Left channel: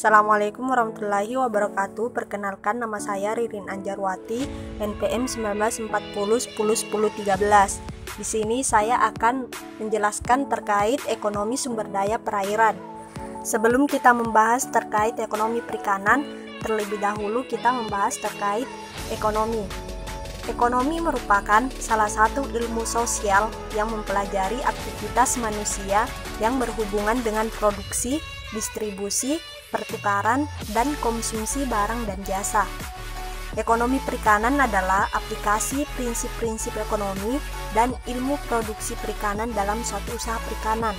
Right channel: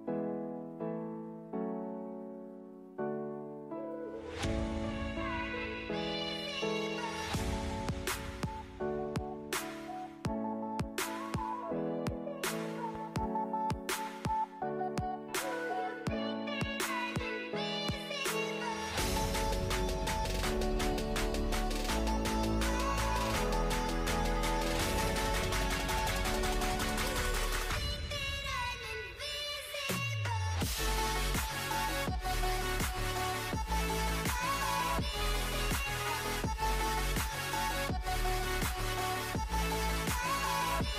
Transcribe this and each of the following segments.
Assalamualaikum warahmatullahi wabarakatuh. Perkenalkan, nama saya Ririn Anjarwati, NPM 1940101013. Di sini saya akan menjelaskan terkait ekonomi sumber daya perairan. Sebelum kita membahas terkait ekonomi perikanan, terlebih dahulu kita membahas terkait ekonomi. Ekonomi merupakan salah satu ilmu sosial yang mempelajari aktivitas manusia yang berhubungan dengan produksi, distribusi, pertukaran, dan konsumsi barang dan jasa. Ekonomi perikanan adalah aplikasi prinsip-prinsip ekonomi dan ilmu produksi perikanan dalam suatu usaha perikanan.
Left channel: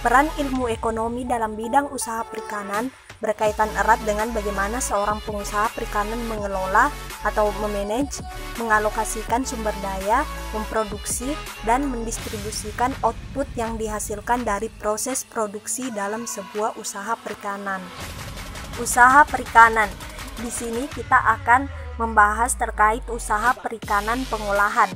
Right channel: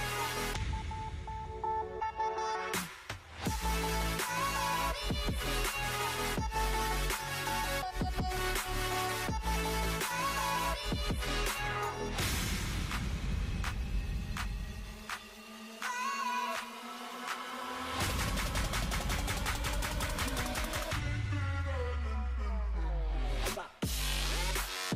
Peran ilmu ekonomi dalam bidang usaha perikanan berkaitan erat dengan bagaimana seorang pengusaha perikanan mengelola atau memanage, mengalokasikan sumber daya, memproduksi, dan mendistribusikan output yang dihasilkan dari proses produksi dalam sebuah usaha perikanan. Usaha perikanan. Di sini kita akan membahas terkait usaha perikanan pengolahan.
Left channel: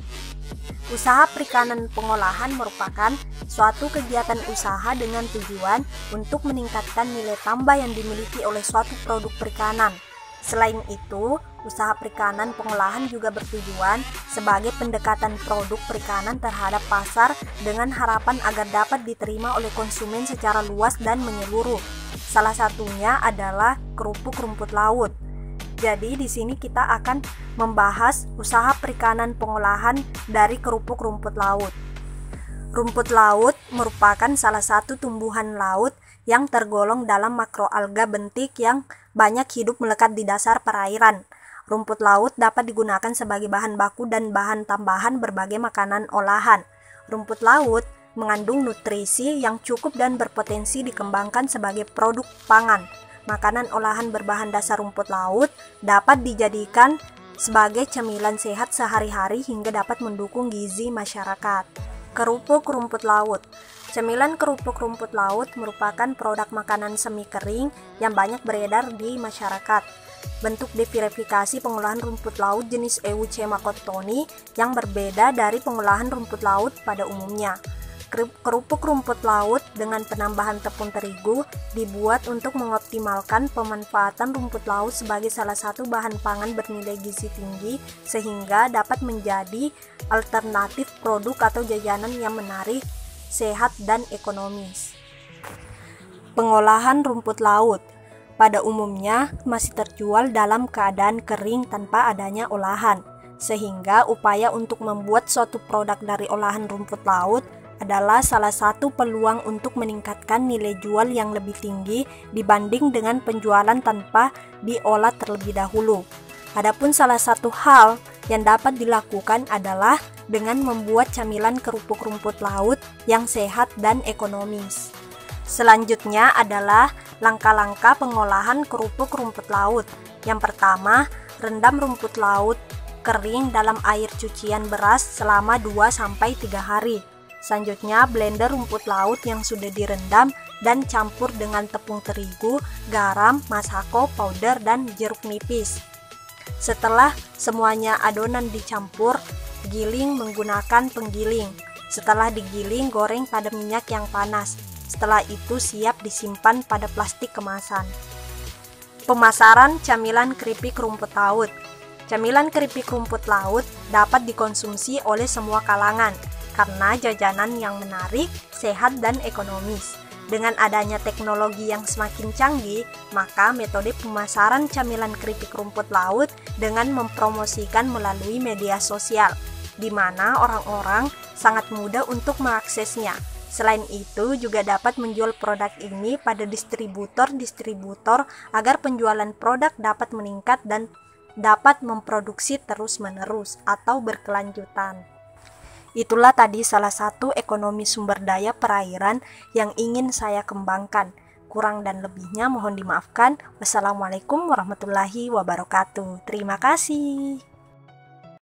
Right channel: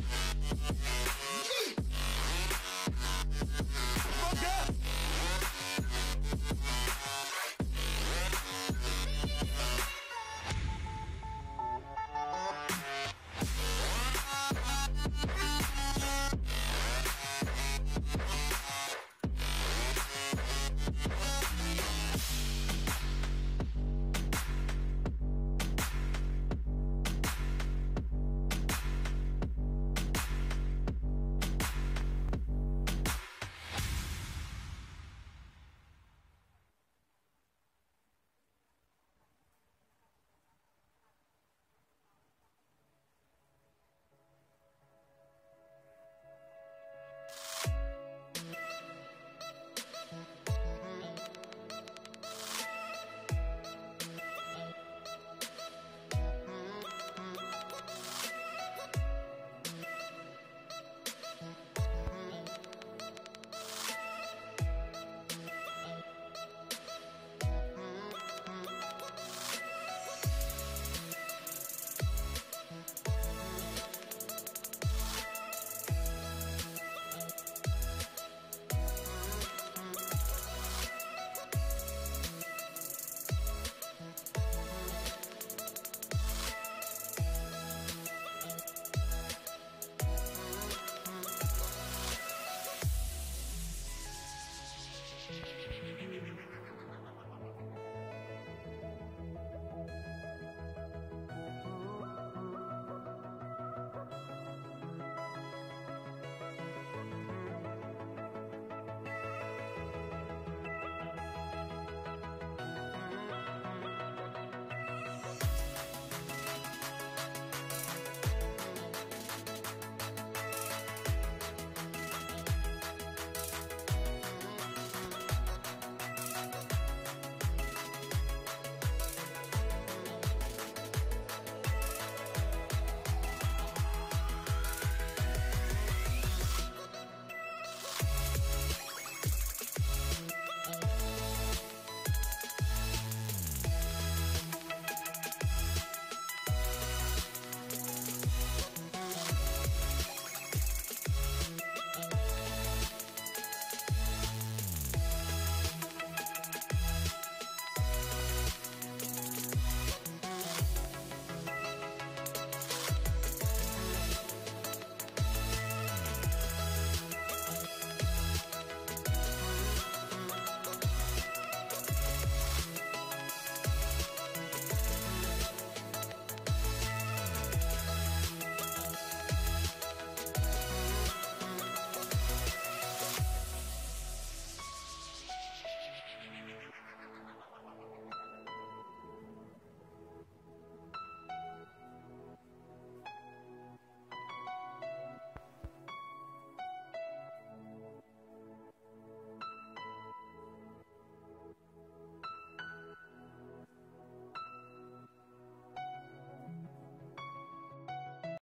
Usaha perikanan pengolahan merupakan suatu kegiatan usaha dengan tujuan untuk meningkatkan nilai tambah yang dimiliki oleh suatu produk perikanan. Selain itu, usaha perikanan pengolahan juga bertujuan sebagai pendekatan produk perikanan terhadap pasar dengan harapan agar dapat diterima oleh konsumen secara luas dan menyeluruh. Salah satunya adalah kerupuk rumput laut. Jadi di sini kita akan membahas usaha perikanan pengolahan dari kerupuk rumput laut. Rumput laut merupakan salah satu tumbuhan laut yang tergolong dalam makroalga bentik yang banyak hidup melekat di dasar perairan. Rumput laut dapat digunakan sebagai bahan baku dan bahan tambahan berbagai makanan olahan. Rumput laut mengandung nutrisi yang cukup dan berpotensi dikembangkan sebagai produk pangan. Makanan olahan berbahan dasar rumput laut dapat dijadikan sebagai cemilan sehat sehari-hari hingga dapat mendukung gizi masyarakat. Kerupuk rumput laut. Cemilan kerupuk rumput laut merupakan produk makanan semi kering yang banyak beredar di masyarakat. Bentuk diverifikasi pengolahan rumput laut jenis Eucema cottoni yang berbeda dari pengolahan rumput laut pada umumnya. Kerupuk rumput laut dengan penambahan tepung terigu dibuat untuk mengoptimalkan pemanfaatan rumput laut sebagai salah satu bahan pangan bernilai gizi tinggi sehingga dapat menjadi alternatif produk atau jajanan yang menarik, sehat, dan ekonomis. Pengolahan rumput laut pada umumnya masih terjual dalam keadaan kering tanpa adanya olahan, sehingga upaya untuk membuat suatu produk dari olahan rumput laut adalah salah satu peluang untuk meningkatkan nilai jual yang lebih tinggi dibanding dengan penjualan tanpa diolah terlebih dahulu. Adapun salah satu hal yang dapat dilakukan adalah dengan membuat camilan kerupuk rumput laut yang sehat dan ekonomis. Selanjutnya adalah langkah-langkah pengolahan kerupuk rumput laut. Yang pertama, rendam rumput laut kering dalam air cucian beras selama 2-3 hari. Selanjutnya, blender rumput laut yang sudah direndam dan campur dengan tepung terigu, garam, masako, powder, dan jeruk nipis. Setelah semuanya adonan dicampur, giling menggunakan penggiling. Setelah digiling, goreng pada minyak yang panas. Setelah itu siap disimpan pada plastik kemasan. Pemasaran camilan keripik rumput laut. Camilan keripik rumput laut dapat dikonsumsi oleh semua kalangan karena jajanan yang menarik, sehat, dan ekonomis. Dengan adanya teknologi yang semakin canggih, maka metode pemasaran camilan keripik rumput laut dengan mempromosikan melalui media sosial, di mana orang-orang sangat mudah untuk mengaksesnya. Selain itu, juga dapat menjual produk ini pada distributor-distributor agar penjualan produk dapat meningkat dan dapat memproduksi terus-menerus atau berkelanjutan. Itulah tadi salah satu ekonomi sumber daya perairan yang ingin saya kembangkan. Kurang dan lebihnya mohon dimaafkan. Wassalamualaikum warahmatullahi wabarakatuh. Terima kasih.